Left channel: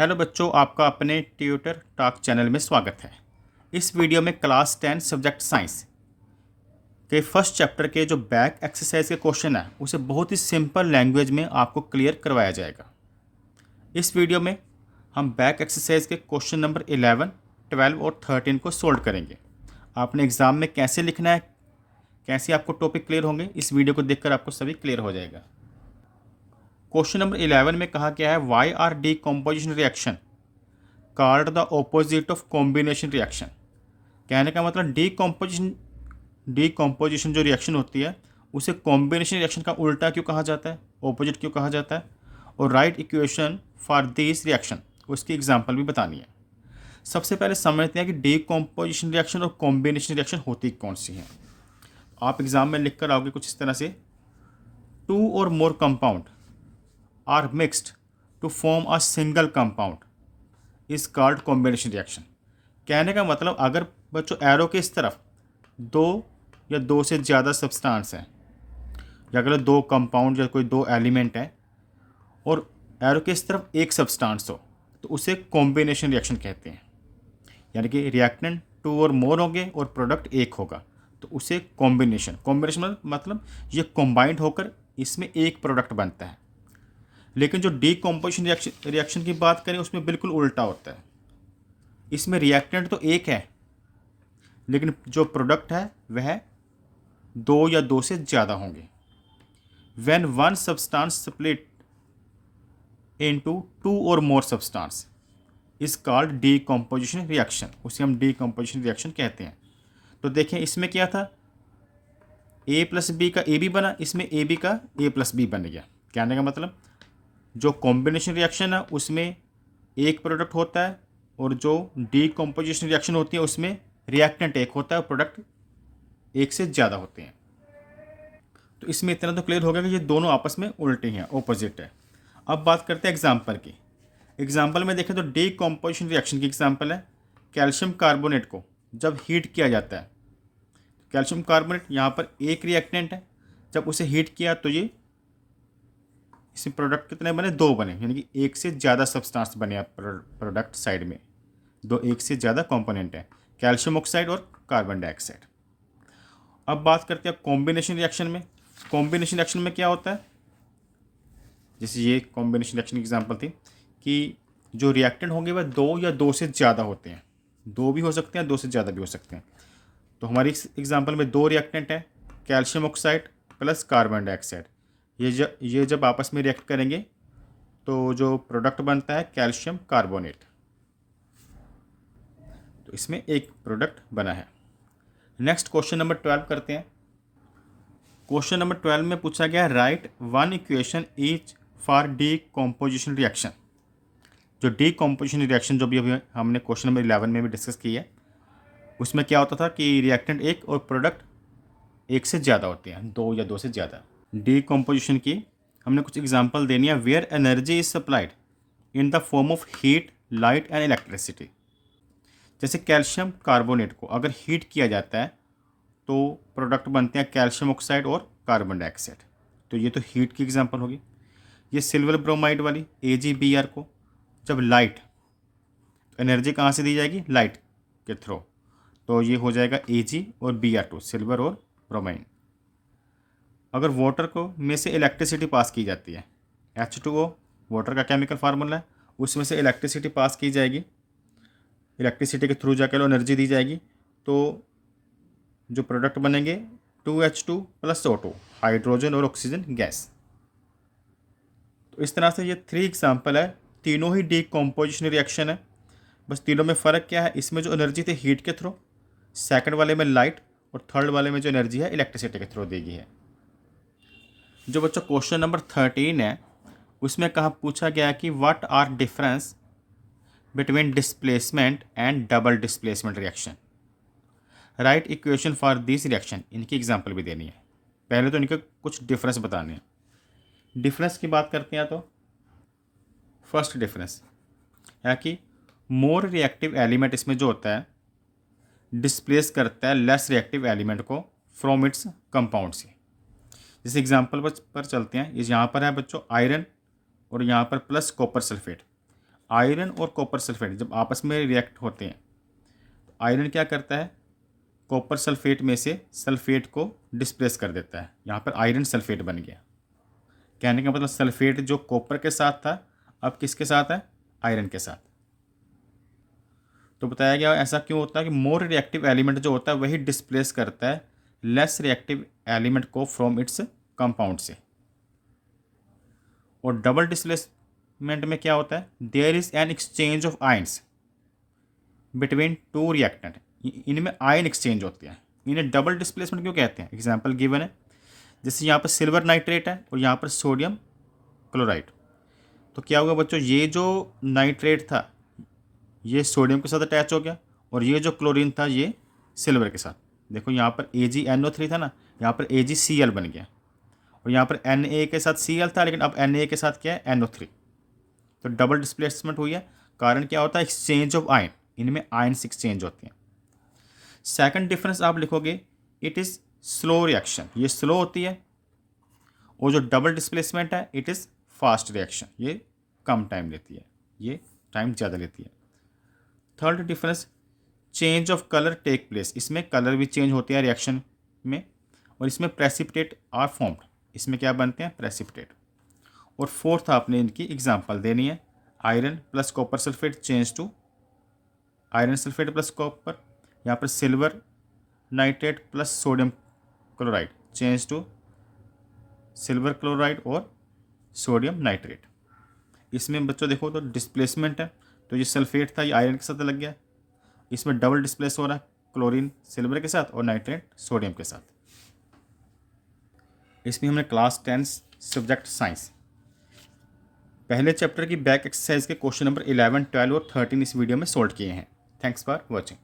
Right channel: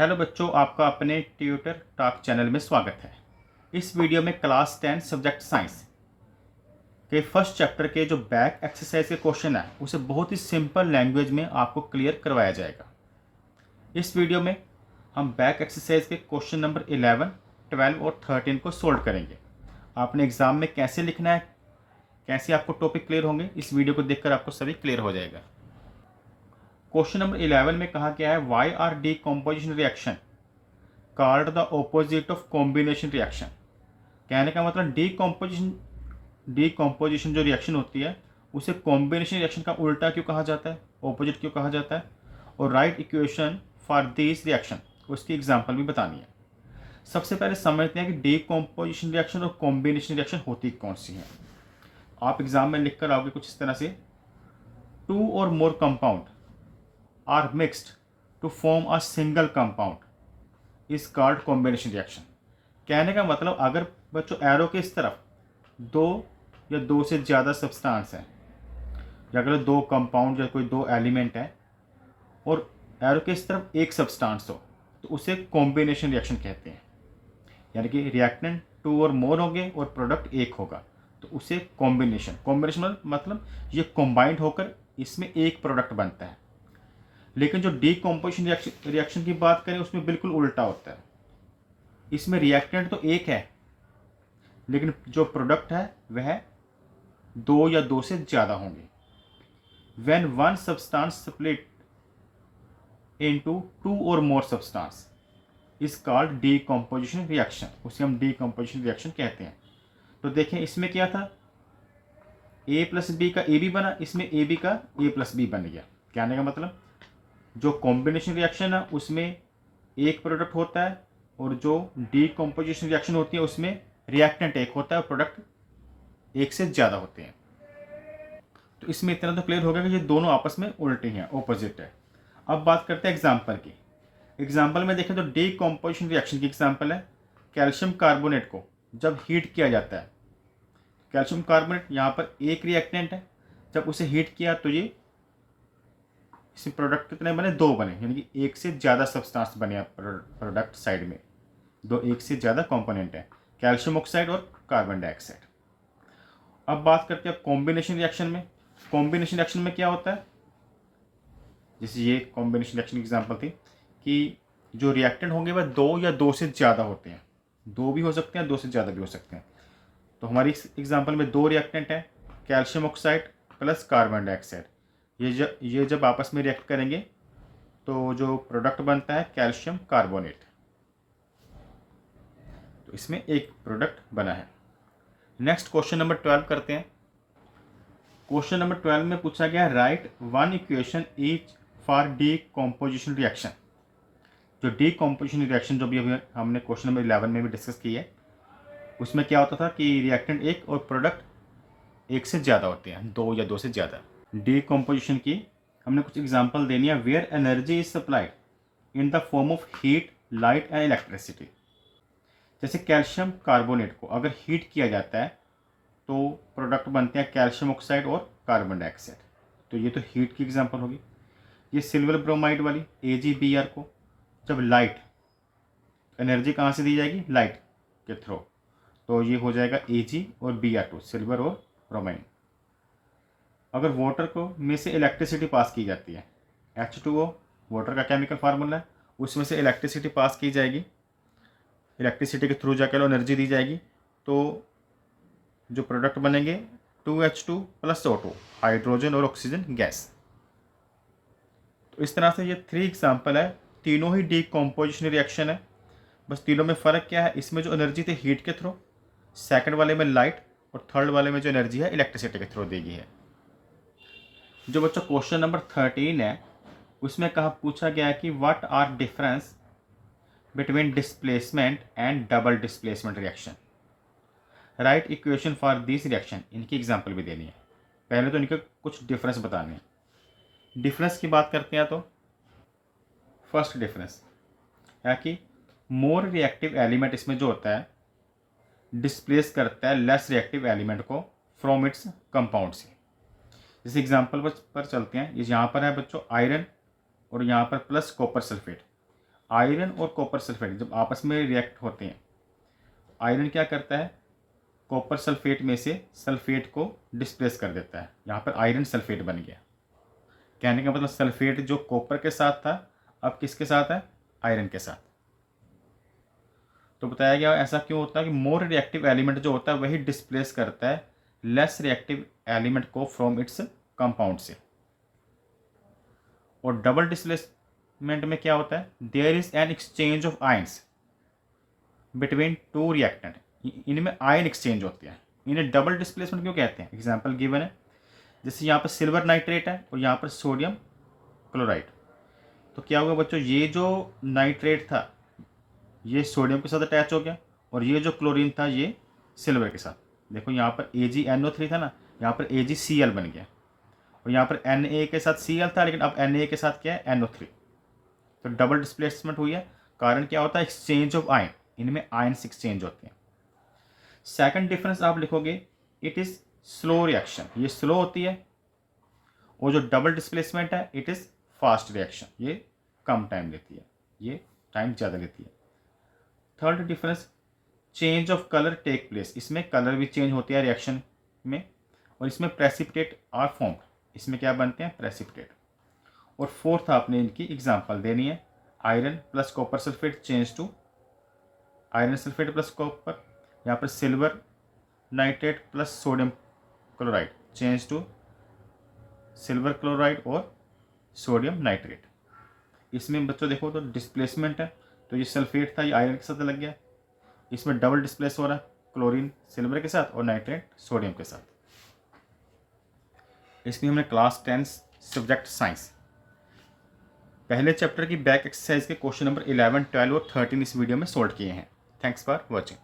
Hello बच्चों, आपका अपने ट्यूटर टॉक चैनल में स्वागत है। इस वीडियो में क्लास 10 सब्जेक्ट साइंस के फर्स्ट चैप्टर के जो बैक एक्सरसाइज के क्वेश्चन है उसे बहुत ही सिंपल लैंग्वेज में आपको क्लियर करवाया जाएगा। इस वीडियो में हम बैक एक्सरसाइज के क्वेश्चन नंबर 11, 12 और 13 को सोल्व करेंगे। आपने एग्ज़ाम में कैसे लिखना है, कैसे आपको टॉपिक क्लियर होंगे, इस वीडियो को देखकर आपको सभी क्लियर हो जाएगा। क्वेश्चन नंबर 11 में कहा गया है why are decomposition reaction called the opposite of combination reaction. कहने का मतलब डीकम्पोजिशन जो रिएक्शन होती है उसे कॉम्बिनेशन रिएक्शन का उल्टा क्यों कहा जाता है, ऑपोजिट क्यों कहा जाता है, और right equation for this reaction उसकी एग्जांपल भी बतानी है। सबसे पहले समझते हैं कि डीकम्पोजिशन रिएक्शन और कॉम्बिनेशन रिएक्शन होती कौन सी है। आप एग्जाम में लिख कर आओगे कुछ इस तरह से, two or more compound are mixed to form a single compound is called combination reaction. कहने का मतलब अगर बच्चों एरो के इस तरफ दो या दो से ज़्यादा सब्सटेंस हैं, या अगर दो कंपाउंड या कोई दो एलिमेंट है और एरो के इस तरफ एक सब्सटेंस हो तो उसे कॉम्बिनेशन रिएक्शन कहते हैं। यानी कि रिएक्टेंट टू और मोर होंगे और प्रोडक्ट एक होगा तो उसे कॉम्बिनेशन मतलब ये कॉम्बाइंड होकर इसमें एक प्रोडक्ट बनता है। लेकिन जो डीकम्पोजिशन रिएक्शन की बात करें उसमें बिल्कुल उल्टा होता है। इसमें रिएक्टेंट तो एक है लेकिन जो प्रोडक्ट है वह दो या दो से ज़्यादा होंगे। When one substance split into two or more substance is called decomposition reaction, उसे हम डीकम्पोजिशन रिएक्शन कहते हैं। तो देखें इसमें क्या था, ए प्लस बी का ए बी बना, इसमें ए बी का ए प्लस बी बन गया। कहने का मतलब जो कॉम्बिनेशन रिएक्शन है उसमें एक प्रोडक्ट होता है और जो डीकम्पोजिशन रिएक्शन होती है उसमें रिएक्टेंट एक होता है, प्रोडक्ट एक से ज़्यादा होते हैं। तो इसमें इतना तो क्लियर हो गया कि ये दोनों आपस में उल्टे हैं, ऑपोजिट है। अब बात करते हैं एग्जाम्पल की। एग्जाम्पल में देखें तो डीकम्पोजिशन रिएक्शन की एग्जाम्पल है कैल्शियम कार्बोनेट को जब हीट किया जाता है। कैल्शियम कार्बोनेट यहाँ पर एक रिएक्टेंट है, जब उसे हीट किया तो ये इसमें प्रोडक्ट कितने बने, दो बने, यानी कि एक से ज़्यादा सब्सटेंस बने प्रोडक्ट साइड में, दो एक से ज़्यादा कंपोनेंट है, कैल्शियम ऑक्साइड और कार्बन डाइऑक्साइड। अब बात करते हैं कॉम्बिनेशन रिएक्शन में। कॉम्बिनेशन रिएक्शन में क्या होता है, जैसे ये कॉम्बिनेशन रिएक्शन की एग्जांपल थी कि जो रिएक्टेंट होंगे वह दो या दो से ज़्यादा होते हैं, दो भी हो सकते हैं, दो से ज़्यादा भी हो सकते हैं। तो हमारी एग्जांपल में दो रिएक्टेंट है, calcium oxide plus carbon dioxide. ये जब आपस में रिएक्ट करेंगे तो जो प्रोडक्ट बनता है कैल्शियम कार्बोनेट, तो इसमें एक प्रोडक्ट बना है। नेक्स्ट क्वेश्चन नंबर 12 करते हैं। क्वेश्चन नंबर 12 में पूछा गया right one equation each for decomposition reaction. जो डीकम्पोजिशन रिएक्शन जो भी अभी हमने क्वेश्चन नंबर 11 में भी डिस्कस की है उसमें क्या होता था कि रिएक्टेंट एक और प्रोडक्ट एक से ज़्यादा होते हैं, दो या दो से ज़्यादा। डीकम्पोजिशन की हमने कुछ एग्जांपल देनी है। Where energy is supplied in the form of heat, light and electricity. जैसे कैल्शियम कार्बोनेट को अगर हीट किया जाता है तो प्रोडक्ट बनते हैं कैल्शियम ऑक्साइड और कार्बन डाइऑक्साइड, तो ये तो हीट की एग्जांपल होगी। ये सिल्वर ब्रोमाइड वाली AgBr को जब लाइट, एनर्जी कहाँ से दी जाएगी, लाइट के थ्रू, तो ये हो जाएगा Ag और Br2, सिल्वर और ब्रोमाइन। अगर वाटर को में से इलेक्ट्रिसिटी पास की जाती है, H2O वाटर का केमिकल फार्मूला है, उसमें से इलेक्ट्रिसिटी पास की जाएगी, इलेक्ट्रिसिटी के थ्रू जाकर एनर्जी दी जाएगी, तो जो प्रोडक्ट बनेंगे 2H2 प्लस O2, हाइड्रोजन और ऑक्सीजन गैस। तो इस तरह से ये 3 एग्जाम्पल है, तीनों ही डीकम्पोजिशन रिएक्शन है। बस तीनों में फ़र्क क्या है, इसमें जो एनर्जी थी हीट के थ्रू, सेकंड वाले में लाइट, और थर्ड वाले में जो एनर्जी है इलेक्ट्रिसिटी के थ्रू दी गई है। जो बच्चों क्वेश्चन नंबर 13 है उसमें कहा पूछा गया कि what are difference between displacement and double displacement reaction, write equation for this reaction. इनकी एग्जांपल भी देनी है। पहले तो इनके कुछ डिफरेंस बताने हैं। डिफरेंस की बात करते हैं तो फर्स्ट डिफरेंस है कि मोर रिएक्टिव एलिमेंट इसमें जो होता है डिस्प्लेस करता है लेस रिएक्टिव एलिमेंट को फ्रॉम इट्स कंपाउंड से। इस एग्जांपल पर चलते हैं। इस यहाँ पर है बच्चों आयरन और यहाँ पर प्लस कॉपर सल्फेट। आयरन और कॉपर सल्फेट जब आपस में रिएक्ट होते हैं, आयरन क्या करता है, कॉपर सल्फेट में से सल्फेट को डिस्प्लेस कर देता है। यहाँ पर आयरन सल्फेट बन गया। कहने का मतलब सल्फेट जो कॉपर के साथ था अब किसके साथ है, आयरन के साथ। तो बताया गया ऐसा क्यों होता है कि मोर रिएक्टिव एलिमेंट जो होता है वही डिस्प्लेस करता है लेस रिएक्टिव एलिमेंट को फ्रॉम इट्स कंपाउंड से। और डबल डिस्प्लेसमेंट में क्या होता है, there is an exchange of ions between two reactant, इनमें आयन एक्सचेंज होते हैं। इन्हें डबल डिस्प्लेसमेंट क्यों कहते हैं, एग्जाम्पल गिवन है, जैसे यहाँ पर सिल्वर नाइट्रेट है और यहाँ पर सोडियम क्लोराइड। तो क्या हुआ बच्चों, ये जो नाइट्रेट था ये सोडियम के साथ अटैच हो गया और ये जो क्लोरीन था ये सिल्वर के साथ। देखो यहाँ पर AgNO3 था ना, यहाँ पर AgCl बन गया और यहाँ पर Na के साथ Cl था, लेकिन अब Na के साथ क्या है, NO3। तो डबल डिस्प्लेसमेंट हुई है। कारण क्या होता है, एक्सचेंज ऑफ आयन, इनमें आयन्स एक्सचेंज होते हैं। सेकंड डिफरेंस आप लिखोगे, इट इज़ स्लो रिएक्शन, ये स्लो होती है। और जो डबल डिस्प्लेसमेंट है इट इज़ फास्ट रिएक्शन, ये कम टाइम लेती है, ये टाइम ज़्यादा लेती है। Third difference, change of colour take place, इसमें कलर भी चेंज होते हैं रिएक्शन में। और इसमें प्रेसिपिटेट आर फॉर्म्ड, इसमें क्या बनते हैं, प्रेसिपिटेट। और फोर्थ आपने इनकी एग्जांपल देनी है, iron plus copper sulphate change to iron sulphate plus copper, यहाँ पर silver nitrate plus sodium chloride change to silver chloride और सोडियम नाइट्रेट। इसमें बच्चों देखो तो डिस्प्लेसमेंट है, तो ये सल्फेट था ये आयरन के साथ लग गया, इसमें डबल डिस्प्लेस हो रहा है, क्लोरीन सिल्वर के साथ और नाइट्रेट सोडियम के साथ। इसमें हमने क्लास 10 सब्जेक्ट साइंस पहले चैप्टर की बैक एक्सरसाइज के क्वेश्चन नंबर 11, 12 और 13 इस वीडियो में सोल्व किए हैं। Thanks for watching.